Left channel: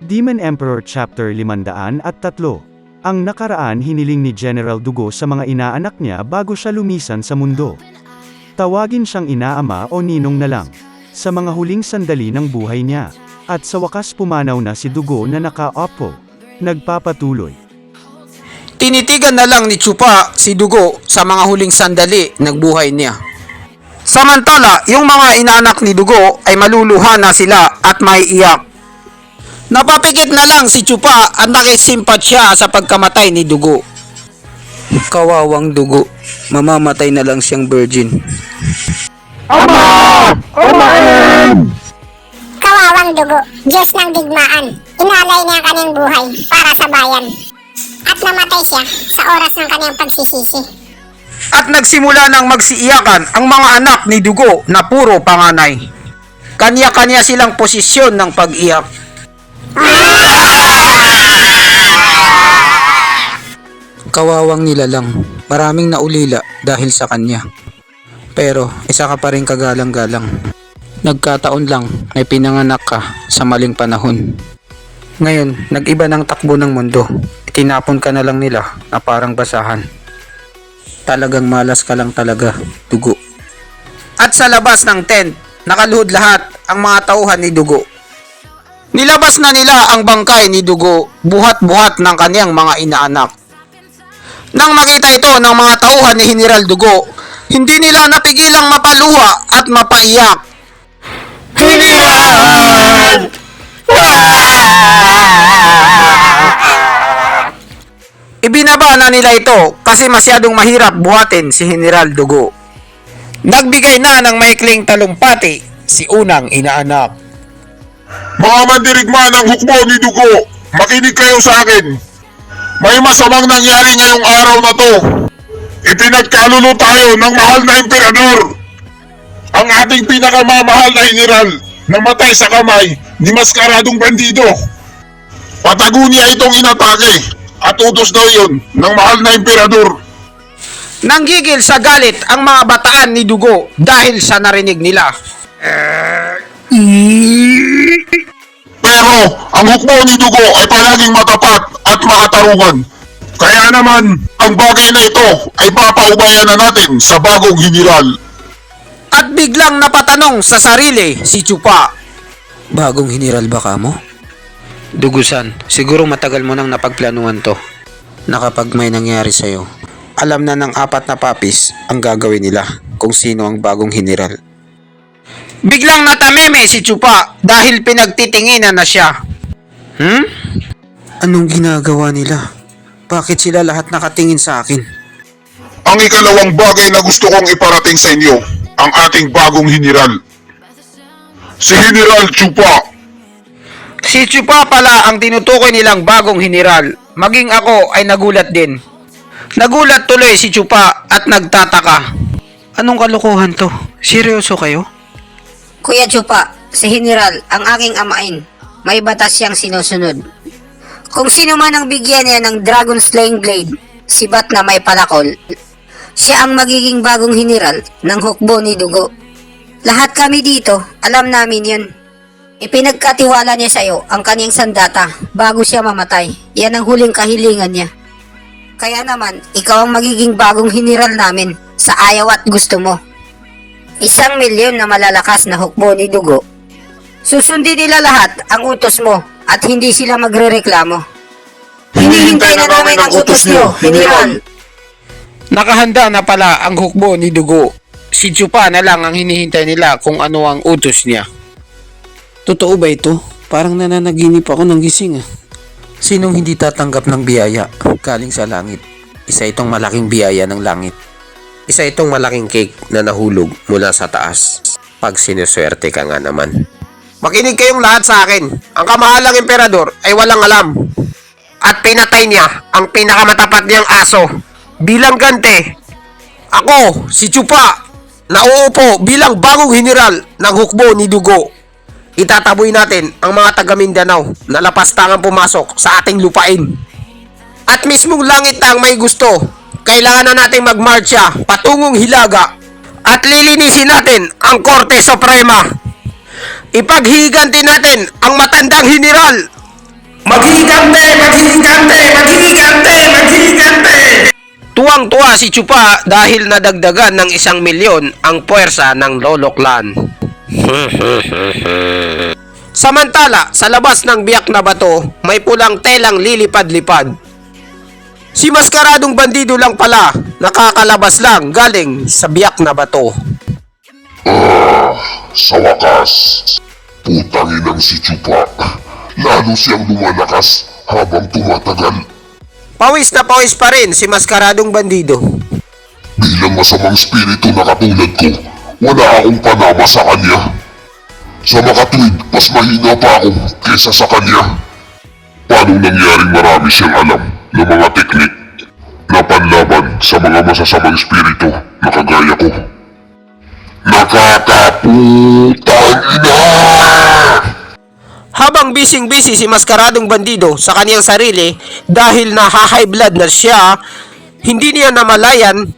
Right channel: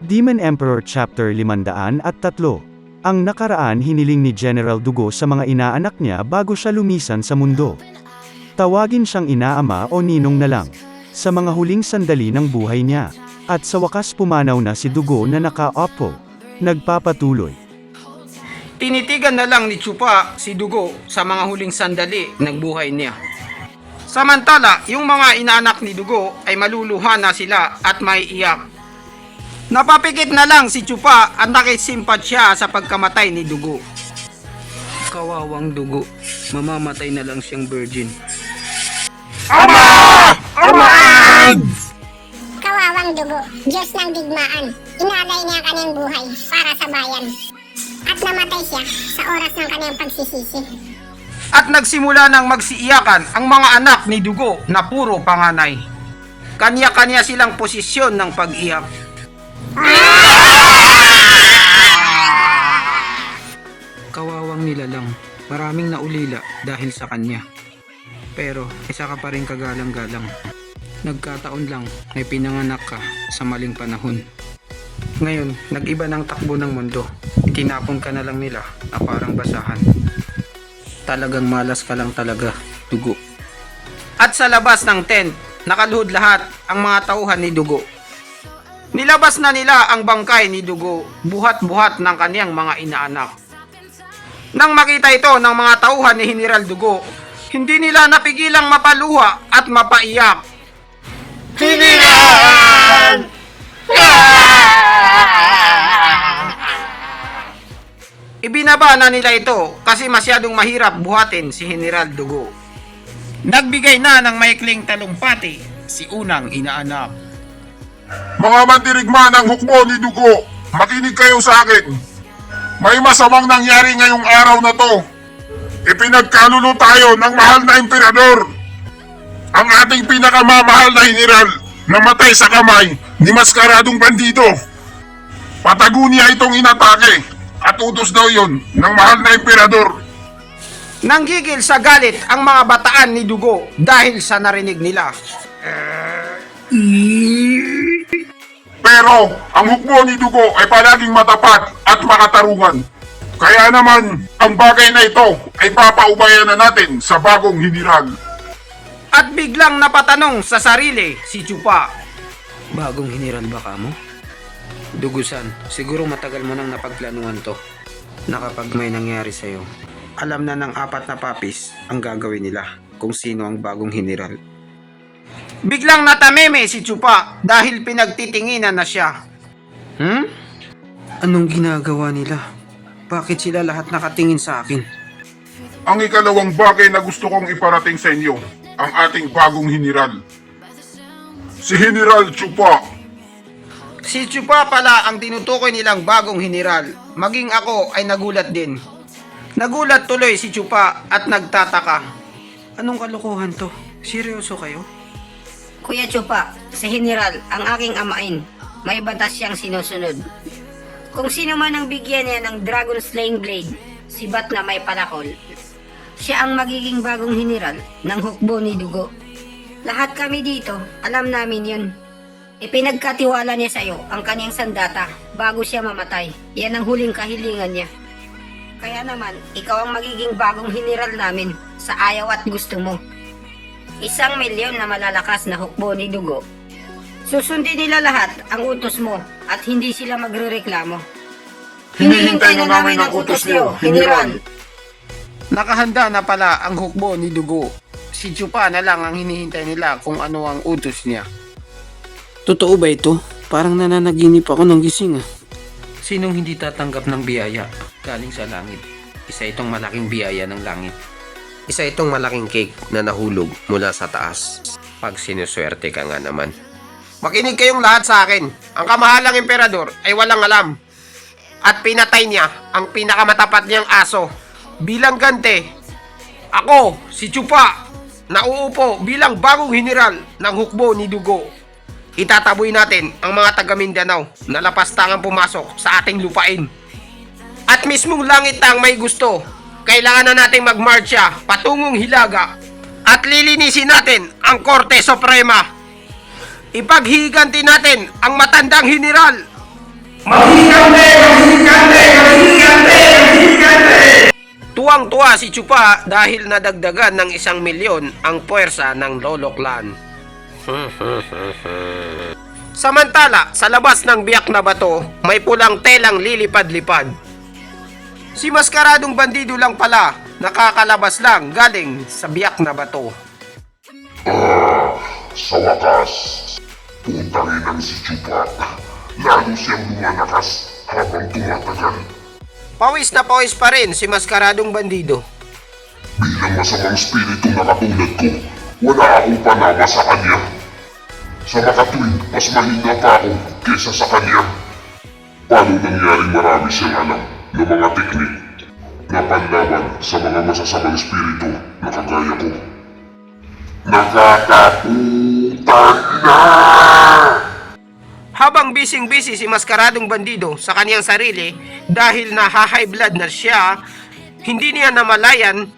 Demon Emperor Chapter 503. Ang nakaraan hiniling ni General Dugo sa mga inaanak niya bago siya lumisan sa mundo. Tawagin siyang inaama o ninong na lang. Sa mga huling sandali ng buhay niya. At sa wakas pumanaw na si Dugo na naka-opo. Nagpapatuloy. Tinitigan na lang ni Chupa si Dugo sa mga huling sandali ng buhay niya. Samantala, yung mga inaanak ni Dugo ay maluluha na sila at may iyak. Napapikit na lang si Chupa at nakisimpat siya sa pagkamatay ni Dugo. Kawawang Dugo, mamamatay na lang siyang virgin. Ama! Kawawang Dugo, Diyos ng digmaan, inalay niya ang kanyang buhay para sa bayan. At namatay siya sa oras ng kanyang pagsisisi. At nagsimula ng magsiiyakan ang mga anak ni Dugo na puro panganay. Kanya-kanya silang posisyon ng pag-iyak. Kawawang nilalang, maraming naulila dahil sa kanya. Pero isa ka pa rin kagalang-galang. Nagkataon lang ay pinanganak ka sa maling panahon. Ngayon, nag-iba ng takbo ng mundo. Itinapon ka na lang nila na parang basahan. Talagang malas ka lang talaga, Dugo. At sa labas ng tent, nakaluhod lahat ang mga tauhan ni Dugo. Nilabas na nila ang bangkay ni Dugo, buhat-buhat ng kaniyang mga inaanak. Nang makita ito ng mga tauhan ni General Dugo, hindi nila napigilang mapaluha at mapaiyak. General! Ibinaba na nila ito kasi masyadong mahirap buhatin si General Dugo. Nagbigay na ng maikling talumpati si unang inaanak. Mga mandirigma ng hukbo ni Dugo, makinig kayo sa akin. May masamang nangyari ngayong araw na to. Ipinagkalulo tayo ng mahal na emperador. Ang ating pinakamamahal na general, namatay sa kamay ni maskaradong bandido. Patago niya itong inatake at utos daw yun ng mahal na emperador. Nanggigil sa galit ang mga bataan ni Dugo dahil sa narinig nila. Pero ang hukbo ni Dugo ay palaging matapat at makatarungan. Kaya naman, ang bagay na ito ay papaubayan na natin sa bagong general. At biglang napatanong sa sarili si Chupa. Bagong general ba ka mo? Dugusan, siguro matagal mo nang napagplanuhan to. Na kapag may nangyari sa'yo, alam na ng apat na papis ang gagawin nila kung sino ang bagong general. Biglang natameme si Chupa dahil pinagtitinginan na siya. Anong ginagawa nila? Bakit sila lahat nakatingin sa akin? Ang ikalawang bagay na gusto kong iparating sa inyo, ang ating bagong general. Si General Chupa. Si Chupa pala ang tinutukoy nilang bagong general. Maging ako ay nagulat din. Nagulat tuloy si Chupa at nagtataka. Anong kalokohan to? Seryoso kayo? Kuya Chupa, si General ang aking amain. May batas siyang sinusunod. Kung sino man ang bigyan niya ng Dragon Slaying Blade, sibat na may palakol, siya ang magiging bagong general ng hukbo ni Dugo. Lahat kami dito, alam namin yun. Ipinagkatiwala niya sa'yo ang kanyang sandata bago siya mamatay. Yan ang huling kahilingan niya. Kaya naman, ikaw ang magiging bagong general namin sa ayaw at gusto mo. 1,000,000 na malalakas na hukbo ni Dugo. Susundin nila lahat ang utos mo at hindi sila magrereklamo. Hinihintay na namin ang utos niyo, General. Nakahanda na pala ang hukbo ni Dugo. Si Chupa na lang ang hinihintay nila kung ano ang utos niya. Totoo ba ito? Parang nananaginip ako ng gising. Sinong hindi tatanggap ng biyaya galing sa langit? Isa itong malaking biyaya ng langit. Isa itong malaking cake na nahulog mula sa taas. Pag sinuswerte ka nga naman. Makinig kayong lahat sa akin. Ang kamahalang emperador ay walang alam. At pinatay niya ang pinakamatapat niyang aso. Bilang gante, ako, si Chupa, nauupo bilang bagong general ng hukbo ni Dugo. Itataboy natin ang mga taga Mindanao na lapastangang pumasok sa ating lupain. At mismong langit ang may gusto. Kailangan na nating magmarcha patungong Hilaga at lilinisin natin ang Korte Suprema. Ipaghihiganti natin ang matandang general Maghihigante! Maghihigante! Maghihigante! Maghihigante! Tuwang-tuwa si Chupa dahil nadagdagan ng 1,000,000 ang puwersa ng Lolo Clan. Samantala, sa labas ng biyak na bato, may pulang telang lilipad-lipad. Si Maskaradong Bandido lang pala, nakakalabas lang galing sa biyak na bato. Sa wakas, putangin ng si Chupa. Lalo siyang lumalakas habang tumatagal. Pawis na pawis pa rin si Maskaradong Bandido. Bilang masamang spirito na katulad ko, wala akong panama sa kanya. Sa makatwid, mas mahina pa ako kaysa sa kanya. Paano nangyaring marami siyang alam ng mga teknik na panlaban sa mga masasamang spirito na kagaya ko? Nakakaputang ina! Habang bising-busy si Maskaradong Bandido sa kaniyang sarili dahil na-high blood na siya, hindi niya namalayan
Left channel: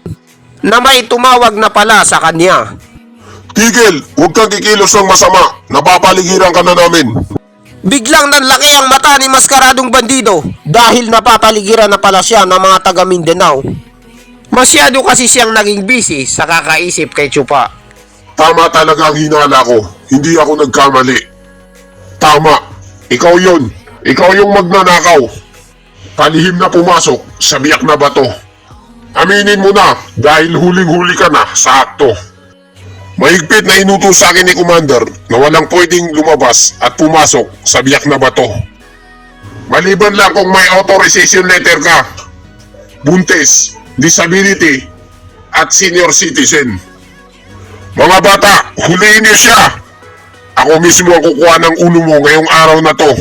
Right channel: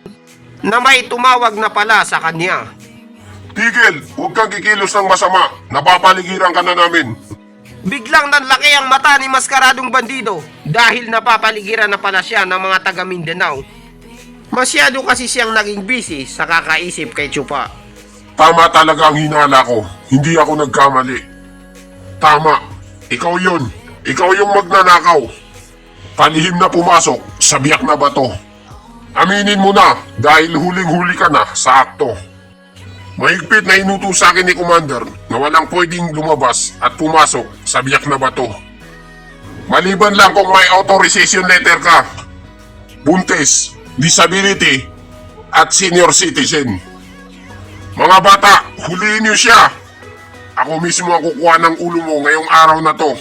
na may tumawag na pala sa kanya. Tigil! Huwag kang kikilos ng masama! Napapaligiran ka na namin! Biglang nanlaki ang mata ni Maskaradong Bandido dahil napapaligiran na pala siya ng mga taga Mindanao. Masyado kasi siyang naging busy sa kakaisip kay Chupa. Tama talaga ang hinala ko. Hindi ako nagkamali. Tama. Ikaw yun. Ikaw yung magnanakaw. Palihim na pumasok sa biyak na bato. Aminin mo na dahil huling-huli ka na sa akto. Mahigpit na inutos sa akin ni Commander na walang pwedeng lumabas at pumasok sa biyak na bato. Maliban lang kung may authorization letter ka, buntes, disability, at senior citizen. Mga bata, huliin niyo siya! Ako mismo ang kukuha ng ulo mo ngayong araw na to.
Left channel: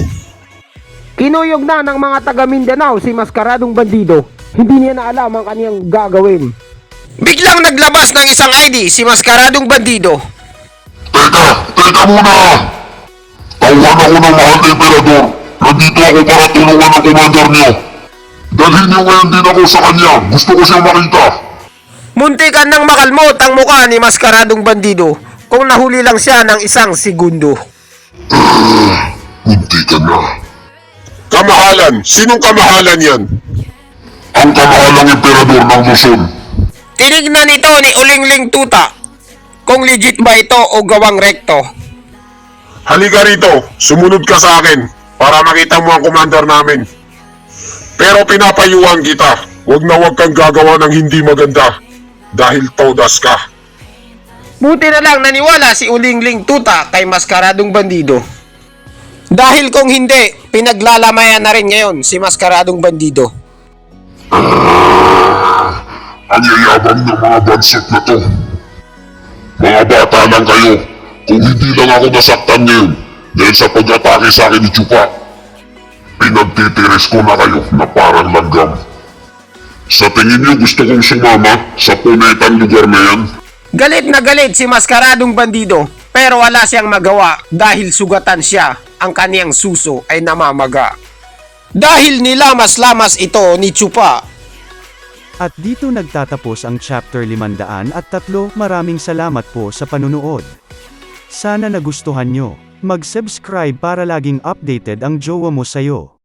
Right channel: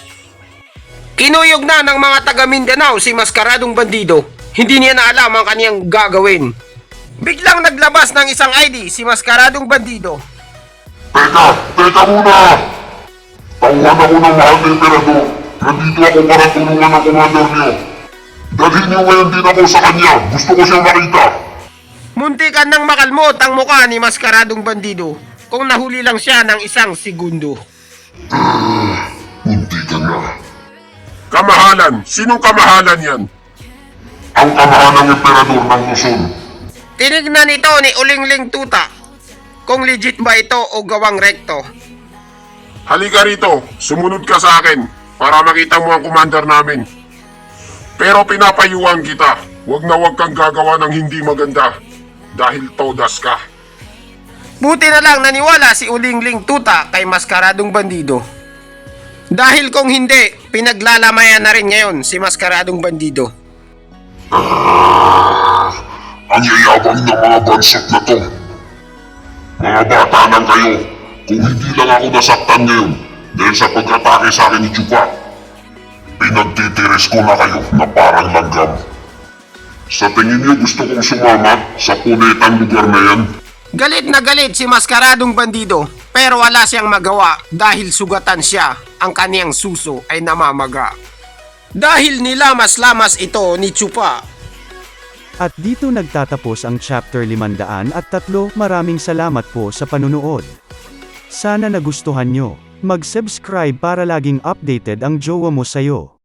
Kinuyog na ng mga taga Mindanao si Maskaradong Bandido. Hindi niya na alam ang kaniyang gagawin. Biglang naglabas ng isang ID si Maskaradong Bandido. Teka muna! Tauhan ako ng mahal na emperador. Nandito ako para tulungan ang commander niyo. Dalhin niyo ngayon din ako sa kanya. Gusto ko siyang makita. Muntikan nang makalmot ang mukha ni Maskaradong Bandido kung nahuli lang siya ng 1 segundo. Munti ka na. Kamahalan? Sinong kamahalan yan? Ang kamahalang emperador ng Luzon. Tinignan ito ni Ulingling Tuta kung legit ba ito o gawang rekto. Halika rito, sumunod ka sa akin para makita mo ang commander namin. Pero pinapayuhan kita, huwag na huwag kang gagawa ng hindi maganda dahil taudas ka. Buti na lang naniwala si Ulingling Tuta kay Maskaradong Bandido. Dahil kung hindi, pinaglalamayan na rin ngayon si Maskaradong Bandido. Ang yayabang ng mga bansot na to. Mga bata lang kayo. Kung hindi lang ako nasaktan ngayon dahil sa pag-atake sa akin ni Chupa, pinagtitiris ko na kayo na parang langgam. Sa tingin niyo gusto kong sumama sa punetang lugar na yan? Galit na galit si Maskaradong Bandido pero wala siyang magawa dahil sugatan siya, ang kaniyang suso ay namamaga. Dahil nilamas-lamas ito ni Chupa. At dito nagtatapos ang chapter 503. Maraming salamat po sa panunood. Sana nagustuhan nyo. Mag-subscribe para laging updated ang jowa mo sayo.